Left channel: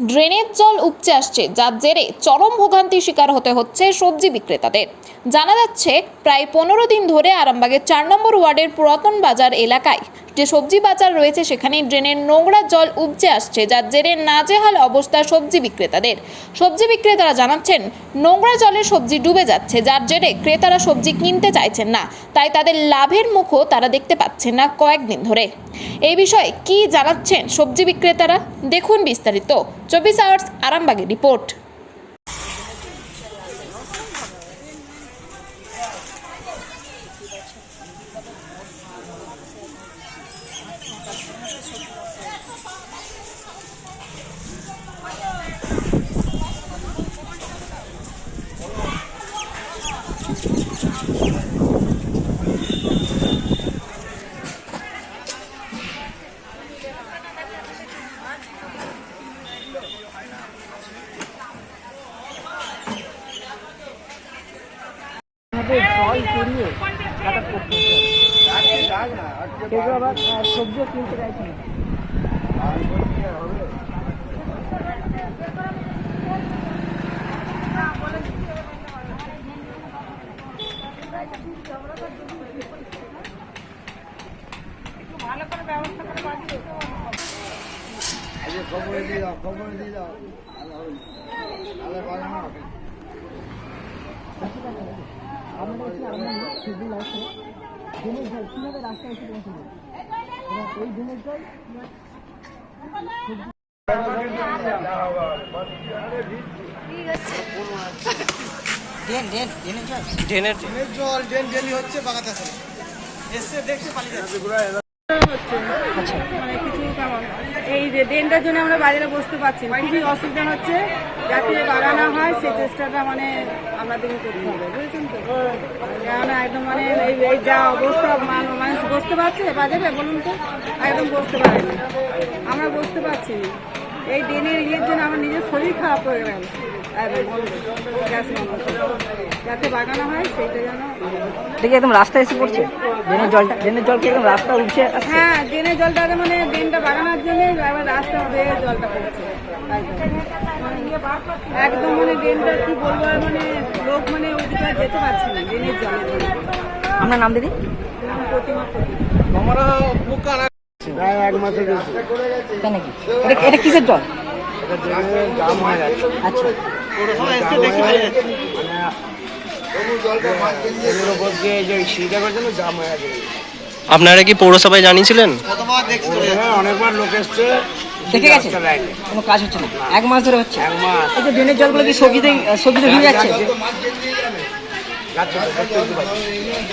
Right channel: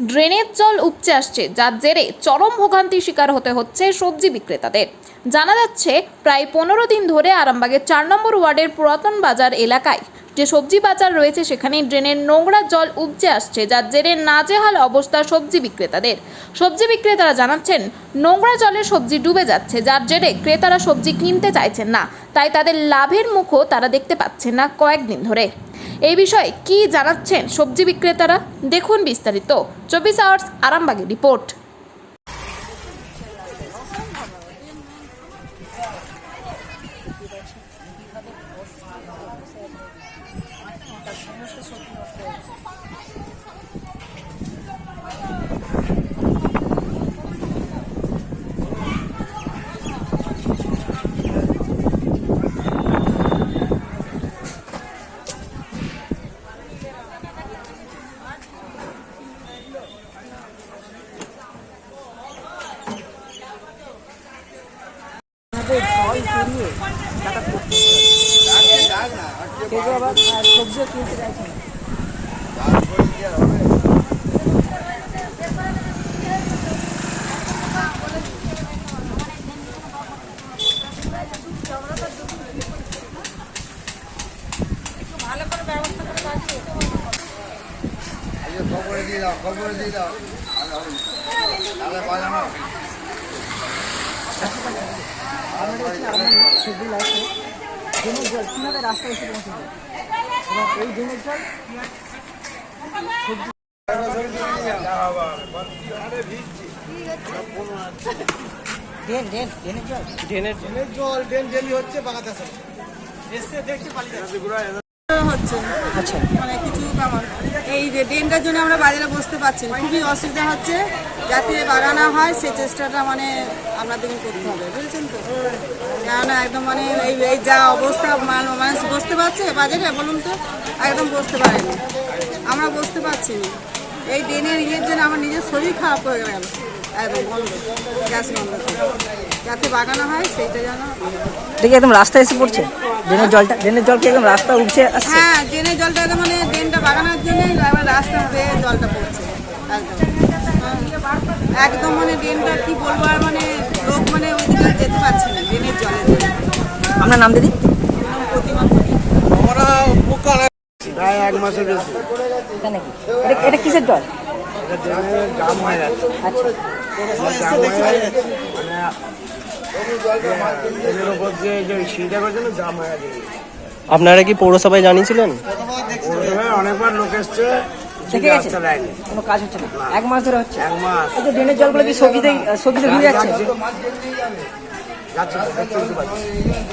ড্রেনের জল উপচে আসছে, যার জেরে চরম ভোগান্তির শিকার হতে হচ্ছে সবজি বিক্রেতাদের। জানা যাচ্ছে, প্রায় 15 দিন ধরে আরামবাগের 4 নম্বর ওয়ার্ডের পুরাতন বাজার এলাকায় যে সবজি বাজার রয়েছে সেখানে ড্রেনের নোংরা জল উপচে আসছে, যার জেরে নাজেহাল অবস্থা সবজি বিক্রেতাদের। সবজি বিক্রেতারা জানাচ্ছেন, নোংরা জলে সবজি ডুবে যাচ্ছে, যার জেরে ক্রেতারা সবজি কিনতে চাইছেন না, তাই তাদের লাভের মুখও তারা দেখতে পাচ্ছেন না কয়েকদিন ধরে। এই বিষয়ে কি জানাচ্ছেন সবজি বিক্রেতারা, দেখুন বিস্তারিত 24 আওয়ার্স আরামবাগের রিপোর্ট। সবজিও কিনতে চাইছে না। আপনারা হচ্ছে আপনার শিডিউল আছে ড্রেনের জল কীভাবে রাস্তায় এসে পৌঁছবে এবং এই ড্রেনের জল হচ্ছে মানে কিছু কেমন এই যে ড্রেনটার জন্য আমরা বাজারে বসতে পারছি না, খুবই অসুবিধা হচ্ছে। যাতে বাগানো হয় সে চেষ্টাটা মানে আপনাদের করতে হবে, বুঝেছেন তো? কেননা একদম মানে এই যা অবস্থা মানুষ বসতে পারছে বাজারে, বলুন তো, একদম বসতে পারেনি, আমরা বসতে পারছি না। এই ড্রেনের ইয়ের জন্য আমার নিজের শরীর খারাপ হয়ে গেল একদম বন্ধ, গ্যাস বন্ধ করে। যাতে বাগানো হয় সেইটা যেন দেখি একদম রাস্তায় এসে পড়ছে ড্রেনের জলটা। ড্রেনের জল কি একদম রাস্তা উঠছে আসছে? হ্যাঁ, ড্রেনের জলটা মানে ড্রেনটা বাগানোর জন্যই আবার রাস্তা বেয়ে জলটা পড়ছে একদম মানে ড্রেনটা কি বলবো, আর মানে লোক মানে ওইদিকে যেতে পারছে না ড্রেনের জলে। আপনার নাম দিদি? প্রতিমা প্রায় 1 মাসের বেশি। তাই নাকি? এটা কিসের জল? জাম হয়ে যাচ্ছে। আচ্ছা, এর উপর দিয়ে যে সিঁড়িটা করছে না, জাম হয়ে যাচ্ছে। আপনারা কি পৌরসভায় জানিয়েছিলেন? অনেকবার লোক এসছে, দেখে গেছে রাস্তা দেয়নি। কোনো কাজ হচ্ছে না, 1 মাস ধরে হচ্ছে। 1 মাস এই যে ড্রেনের জলগুলো কি সবজিতে ভিজে যাচ্ছে? যাচ্ছে তো, দেখতে পাচ্ছি।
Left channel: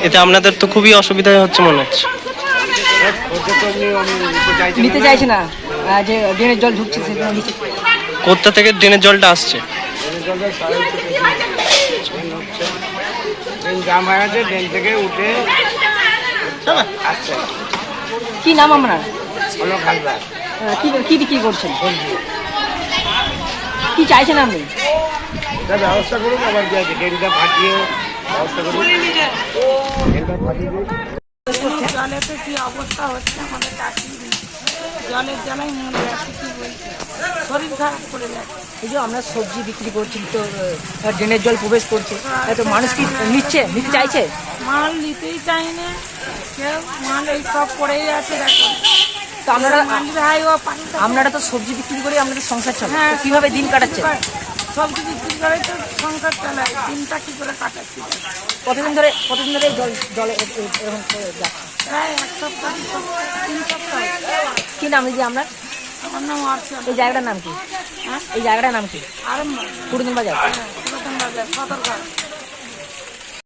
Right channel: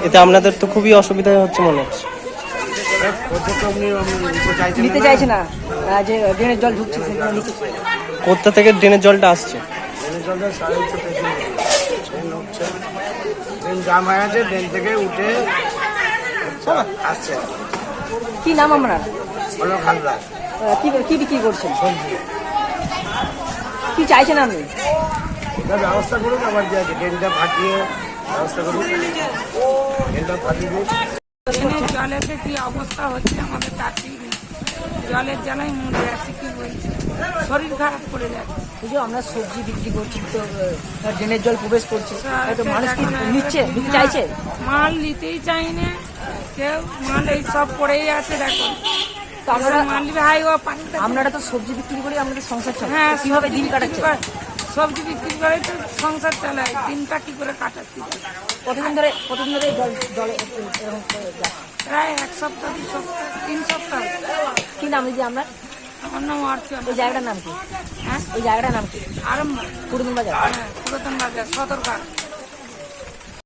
এতে আপনাদের তো খুবই অসুবিধা হচ্ছে মনে হচ্ছে। খদ্দের তো এমনি নিতে চাইছে না, যে ড্রেনের জল ঢুকছে সেটা নিচে। কোথা থেকে ড্রেনের জলটা আসছে? ড্রেনের জলটা সারা হচ্ছে, ট্রেন হচ্ছে, ট্রেন জাম হয়ে গেছে, ট্রেন থেকে উঠে আসছে। কি নাম আপনার? হলো খালদার কি বিক্রি করছেন? সবজি। কি চাইছেন আপনি? এটা ব্যবস্থা করুন, আবার যে আছে ট্রেনটা ফাটিয়ে ব্যবস্থা করুন, ট্রেনটা ফাটিয়ে দিন। জলেতে কি অবস্থা হচ্ছে আমাদের চাষি, জলের জ্বালায় মরে যাচ্ছে, কি বলছি, শরীর খারাপ করে যাচ্ছে। এই যে আমরা সবজি বিক্রি করছি তো ড্রেনের জল প্রবেশ করছে, তো মানুষ কি নিতে চাইছে? মাল নিতেই চাইনি কেউ, মাল এই সব পড়েই আছে, দেখো। তো আমরা মালির হাই ও পানি আপনারা তো সবজি বিক্রি করে আমাদের সংসার চলে, হ্যাঁ, তো কিভাবে দিন কাটাচ্ছে? সবজি বিক্রি করে তো সংসার চালায়, দিনটা কি করে কাটাচ্ছি। কতদিন ধরে এই জল এরকম করে যাচ্ছে? প্রায় 1 সপ্তাহ 2 সপ্তাহ 3 সপ্তাহ। কি নাম দিদি আপনার? আমার নাম অর্চনা। এই জায়গাটার নাম কি? হ্যাঁ, এই জায়গাটার নাম কি? আরম্ভ পুরনো বাজার। পুরাতন বাজার, সদরঘাট।